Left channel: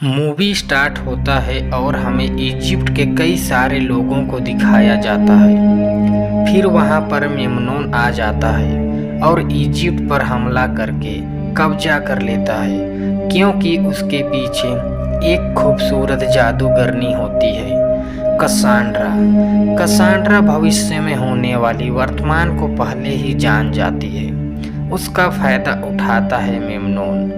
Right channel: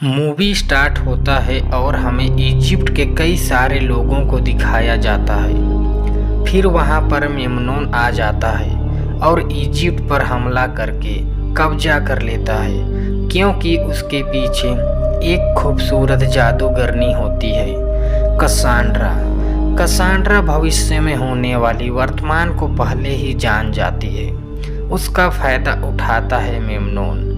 Movie start होता है और हमें इजिप्ट के कई सारे लोगों को दिखाया जाता है। फिर वहां पर मेमनून आ जाता है और इजिप्ट पर हमला करके कब्जा कर लेता है, क्योंकि उसके पीछे एक खूबसूरत जादूगरनी होती है, कसांड्रा। कसांड्रा भविष्य में होने वाली वर्तमान को पहले ही जान जाती है। उसका फायदा उठाता है मेमनून।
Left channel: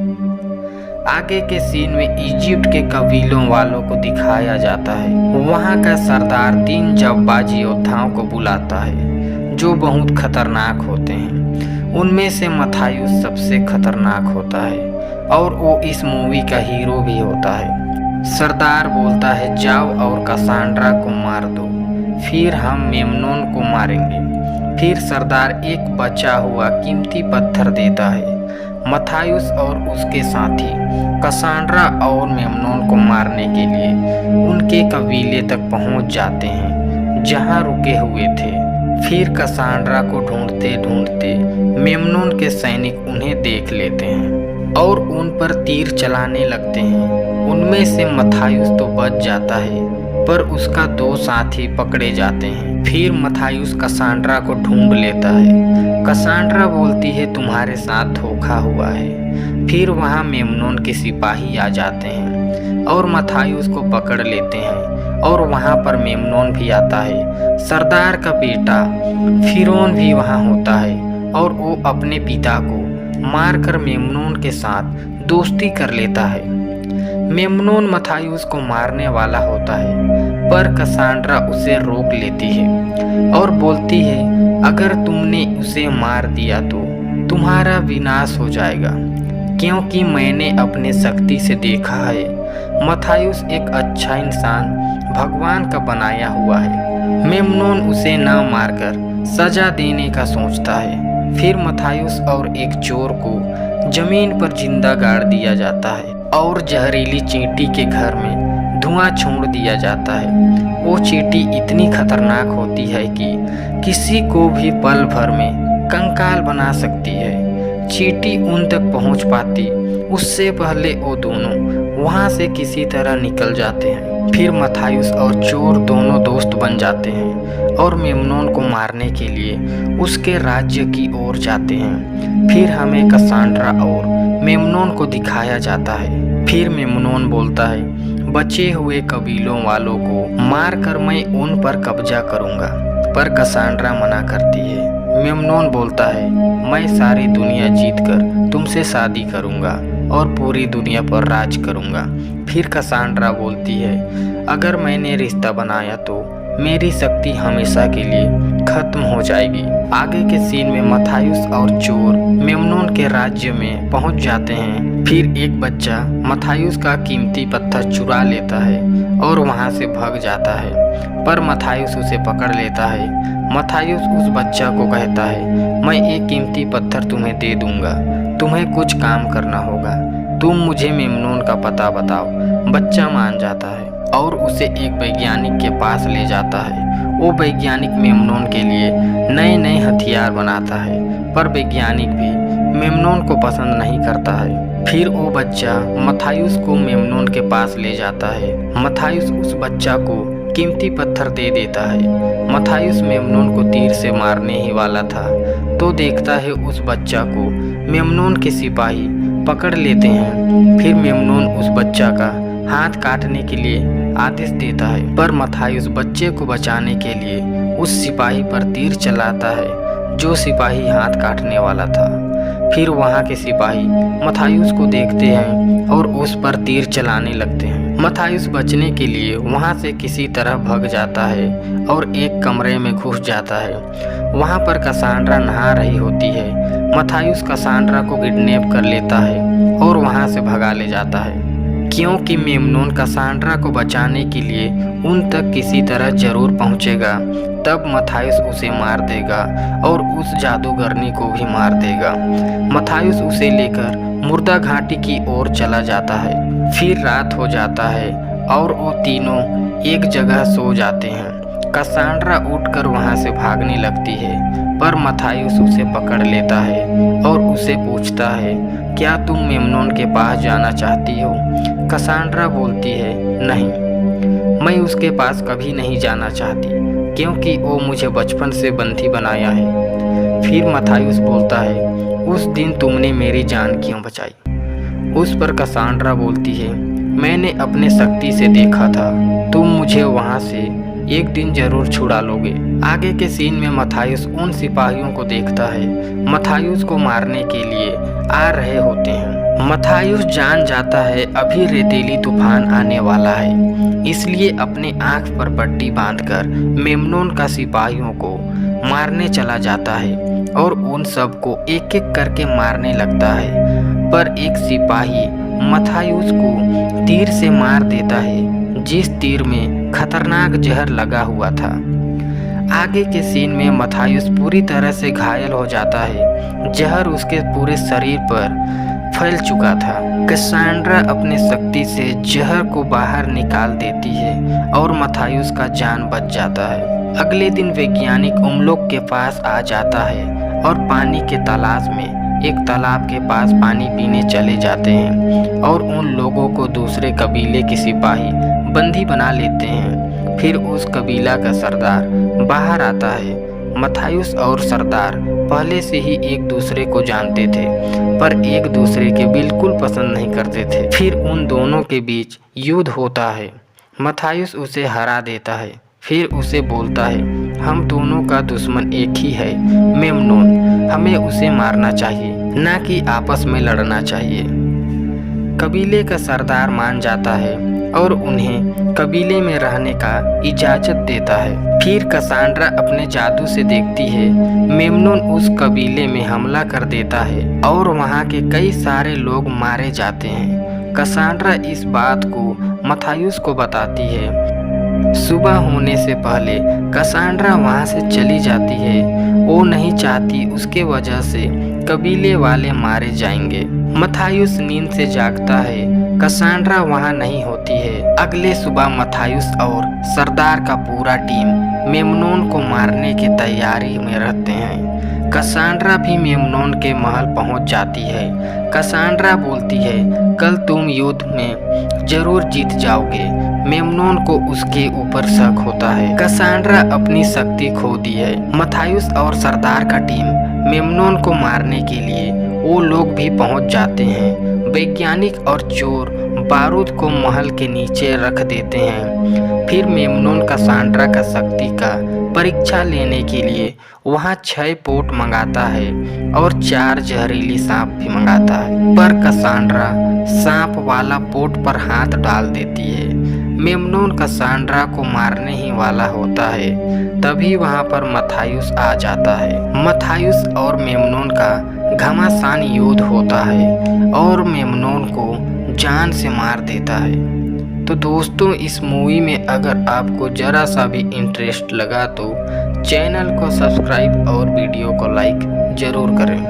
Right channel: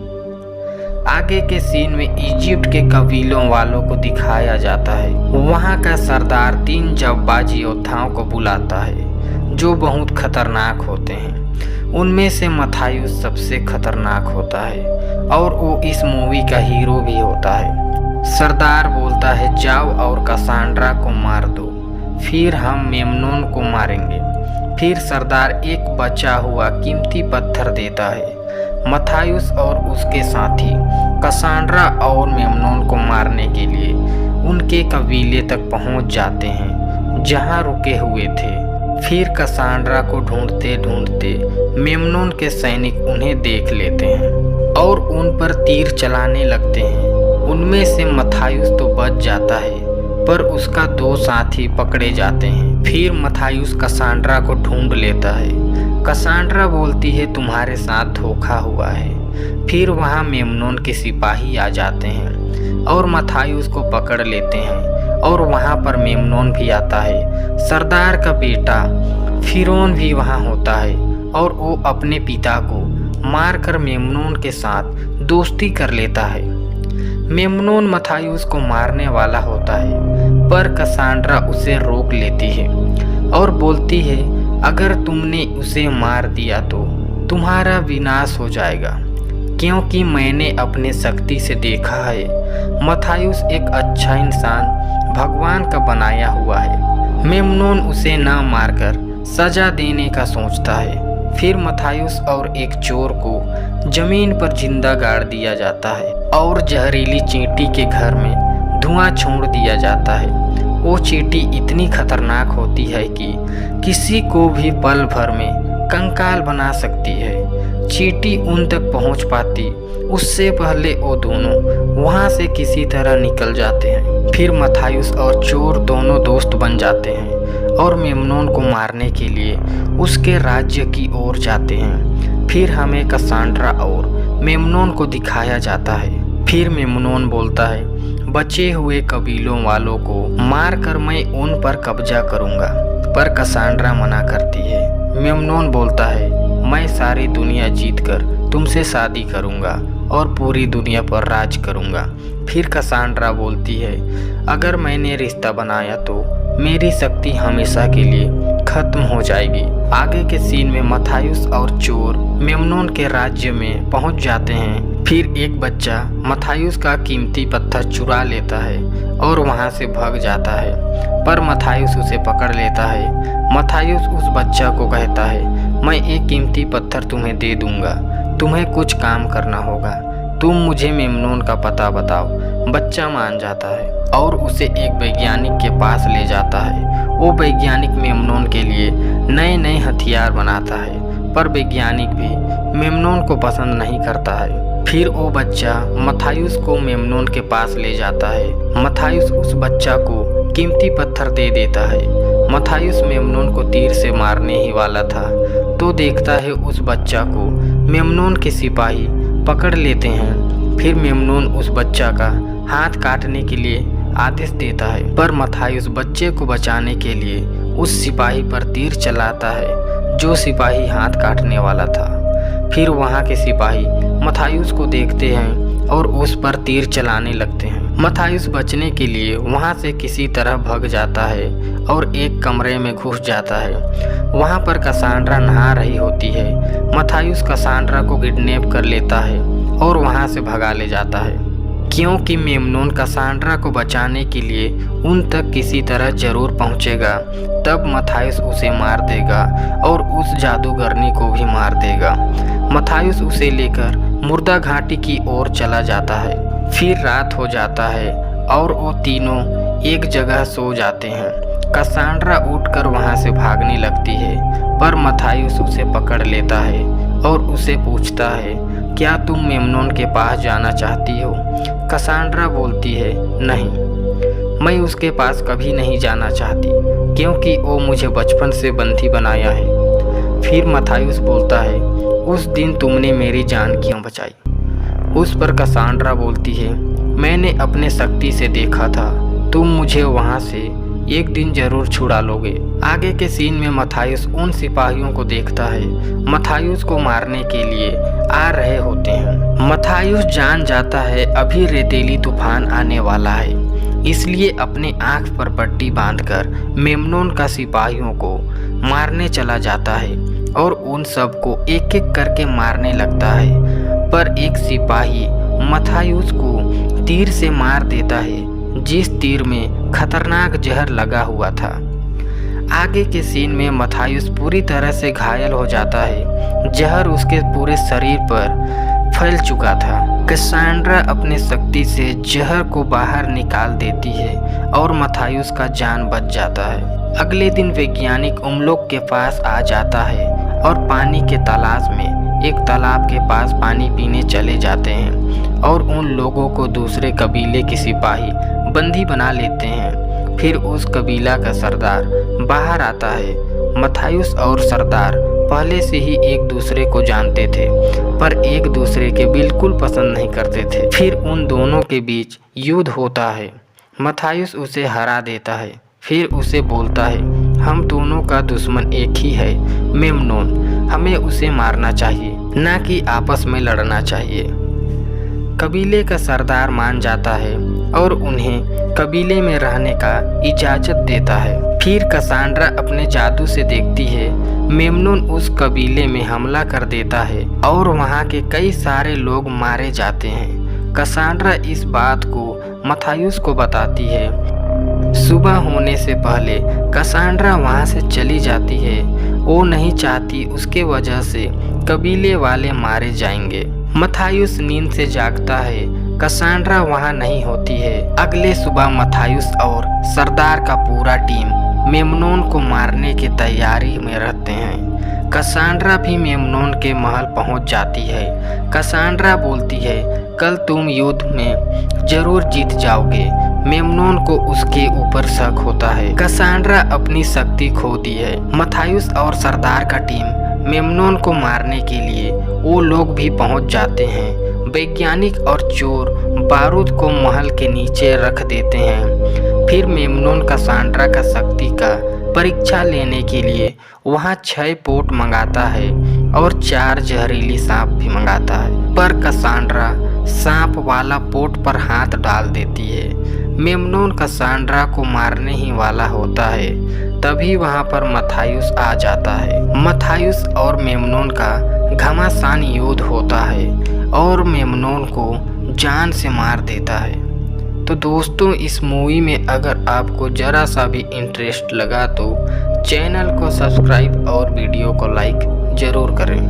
आगे के सीन में इजिप्ट के कबीलों वालों को दिखाया जाता है। वहां का सरदार 3 जांबाज योद्धाओं को बुलाता है जो बहुत खतरनाक होते हैं। उनमें से मथायुस सबसे खतरनाक होता है और वो इस मूवी का हीरो भी होता है। सरदार बोलता है, जाओ और कसांड्रा को मार दो, फिर हम मेमनून को मारेंगे। फिर सरदार एक बचा हुआ कीमती पत्थर देता है। मथायुस और उसके साथी कसांड्रा और मेमनून को मारने के लिए उनके कबीले तक पहुंच जाते हैं जहां रुके हुए थे। फिर कसांड्रा को ढूंढते ढूंढते मेमनून के सैनिक उन्हें देख लेते हैं और उन पर तीर चलाने लगते हैं। उनमें से मथायुस तो बच जाता है, पर उसका 2 साथी पकड़े जाते हैं। फिर मथायुस कसांड्रा को ढूंढ लेता है। कसांड्रा बोलती है, तुम्हारे साथ धोखा हुआ है। फिर वहां मेमनून के सिपाही आ जाते हैं और मथायुस को पकड़ लेते हैं और वहां पर मेमनून भी आता है। सरदार का बेटा फिरौन भी वहां होता है और वो अपने पिता को मारकर मेमनून के साथ दोस्ती कर लेता है। मेमनून मथायुस को मारने वाला होता है, पर कसांड्रा उसे रोक लेती है और बोलती है, अगर तुमने उसे मार दिया तो तुम्हारा विनाश हो जाएगा, क्योंकि मैंने अपने शक्ति से देखा है मथायुस एक अच्छा इंसान भगवान का बनाया हुआ है। मेमनून उसे ना मारकर सजा देने का सोचता है। फिर मथायुस और एक चोर को जमीन पर जिंदा गाड़ दिया जाता है और जहरीली चींटी के घर में धुआं छोड़ दिया जाता है। वो चींटी इतनी खतरनाक होती है कि किसी को भी पल भर में कंकाल बना सकती है। चींटी उन तक पहुंच पाती उससे पहले वो दोनों वहां से किसी तरह निकल जाते हैं। फिर मथायुस और चोर दोनों दोस्त बन जाते हैं और मेमनून को मारने के लिए उसके राज्य की ओर जाते हैं। फिर हमें कसांड्रा और मेमनून को दिखाया जाता है। फिर मेमनून बोलता है, बचे हुए कबीलों वालों को मारकर मैं उन पर कब्जा करूंगा, पर कसांड्रा मना करती है। मेमनून बोलता है, मैं सारी दुनिया जीतकर तुमसे शादी करूंगा और पूरी दुनिया पर राज करूंगा। फिर कसांड्रा बोलती है, अगर मैंने रिश्ता बनाया तो मेरी शक्ति हमेशा के लिए खत्म हो जाएगी। आगे के सीन में मथायुस और चोर मेमनून के राज्य में पहुंच जाते हैं। फिर एक बच्चा मथायुस का कीमती पत्थर चुरा लेता है और वहां से भाग जाता है, पर मथायुस उसे पकड़ लेता है। मथायुस उस बच्चा को कहता है, मैं एक कीमती पत्थर तुम्हें दे दूंगा, तुम्हें कुछ काम करना होगा, तुम मुझे मेमनून का पता बताओ। बच्चा मान जाता है और उसे एक वैज्ञानिक के पास ले जाता है। वो वैज्ञानिक मेमनून के लिए नए नए हथियार बनाता है, पर वैज्ञानिक भी मेमनून को पसंद नहीं करता है। फिर वो बच्चा मथायुस को मेमनून के पास ले जाता है। मथायुस उस बच्चा को कीमती पत्थर दे देता है। मथायुस मेमनून को तीर से मारने ही वाला था तो देखता है उस बच्चा को मेमनून के सिपाही पकड़ लेते हैं। फिर मेमनून उस बच्चा का हाथ काटने के लिए आदेश देता है, पर मथायुस बच्चे को बचाने के लिए उस सिपाही पर तीर चलाता है जो सिपाही हाथ काटने वाला था। फिर वहां के सिपाही मथायुस को देखते हैं और उस पर तीर चलाने लगते हैं। मथायुस बचने के लिए वहां से किसी तरह भाग जाता है और एक कमरे में घुस जाता है। वहां पर कसांड्रा नहा रही होती है। मथायुस कसांड्रा को किडनैप कर लेता है और वहां से भगा ले जाता है, क्योंकि मेमनून कसांड्रा को बचाने के लिए उन तक किसी तरह जरूर पहुंचेगा। तब मथायुस उसे मार देगा और उस जादूगरनी को भी मार देगा। मथायुस उसे लेकर मुर्दा घाटी की ओर चला जाता है। फिर रात हो जाता है और वो तीनों एक जगह सो जाते हैं। कसांड्रा उठकर वहां से भागने लगती है, पर मथायुस उसे पकड़ लेता है और उसे पूछता है, क्या तुम मेमनोन के पास जाना चाहती हो? कसांड्रा बोलती है, नहीं, मैं उसके पास कभी नहीं जाना चाहती, क्योंकि वो मुझे बचपन से बंदी बनाया है। फिर मथायुस बोलता है, उस दिन तुमने मेरी जान क्यों बचाई? उस पर कसांड्रा बोलती है, मैंने अपने शक्ति से देखा था, तुम मुझे वहाँ से एक दिन जरूर छुड़ा लोगे। आगे के सीन में मथायुस उन सिपाहियों को देखता है, मथायुस को मारने के लिए आ रहे होते हैं। मथायुस जान जाता है अभी रेतीली तूफान आने वाला है, इसलिए अपने आंख पर पट्टी बांधकर मेमनोन का सिपाहियों को मारने चला जाता है और उन सबको एक एक करके मारने लगता है। पर एक सिपाही मथायुस को तीर से मार देता है, जिस तीर में खतरनाक जहर लगा हुआ था। आगे के सीन में मथायुस पूरी तरह से घायल हो जाता है, जहर उसके पूरे शरीर पर फैल चुका था। कसांड्रा अपने शक्ति से जहर को बाहर निकाल देती है और मथायुस का जान बच जाता है। अगले दिन वैज्ञानिक उमलोक के पास आ जाता है और पानी के तलाश में एक तालाब के पास पानी पीने चले जाते हैं और उन लोगों को दूसरे कबीले के सिपाही बंदी बना लेते हैं। फिर उस कबीला का सरदार बाहर आता है। मथायुस और सरदार पहले से ही एक दूसरे को जानते थे, पर एक दूसरे के बिल्कुल पसंद नहीं करते थे। फिर उन दोनों के बीच युद्ध होता है। मथायुस उसे हरा देता है, फिर उसे बोलता है, हम दोनों का दुश्मन एक ही है, मेमनोन, हमें उसे मारना चाहिए, ना कि आपस में लड़ना चाहिए। कबीले का सरदार मान जाता है और उन्हें कबीले में रहने का इजाज़त देता है। फिर कसांड्रा अपने जादू से देखती है, मेमनोन उस कबीले में हमला कर देता है और वहाँ के कई सारे लोग मारे जाते हैं। कसांड्रा इस बात को मथायुस को बताती है। सुबह होने से पहले कसांड्रा वहाँ से चली जाती है, वो नहीं चाहती उसके वजह से कबीले वाले मारे जाएंगे। मथायुस नींद से जागता है, कसांड्रा वहाँ नहीं होती है। अगले सुबह मथायुस और सरदार का पूरा टीम मेमनोन को मारने की तैयारी में रहते हैं। कसांड्रा भी मेमनोन के महल पहुंच जाती है। कसांड्रा बोलती है, कल तुम युद्ध में जरूर जीत जाओगे। मेमनोन को उसके ऊपर शक होता है। कसांड्रा अपनी शक्ति खो दी है। मथायुस और सरदार का टीम मेमनोन को मारने के लिए वो लोग भी पहुंच जाते हैं। वैज्ञानिक और चोर बारूद को महल के नीचे रख देते हैं। फिर मेमनोन कसांड्रा का शक्ति का परीक्षा लेने के लिए वहाँ 6 पोट मंगाता है और 4 जहरीली सांप भी मंगाता है, पर कसांड्रा सांप वाला पोट पर हाथ डाल देती है। मेमनोन कसांड्रा को मारने ही वाला होता है, तभी वहाँ पर मथायुस आ जाता है। मथायुस और मेमनोन का घमासान युद्ध होता है और मेमनोन को जान से मार देता है। तो दोस्तों, इस मूवी में अगर आपको ज़रा सा भी इंटरेस्ट लगा तो चैनल को सब्सक्राइब और वीडियो को लाइक ज़रूर करें।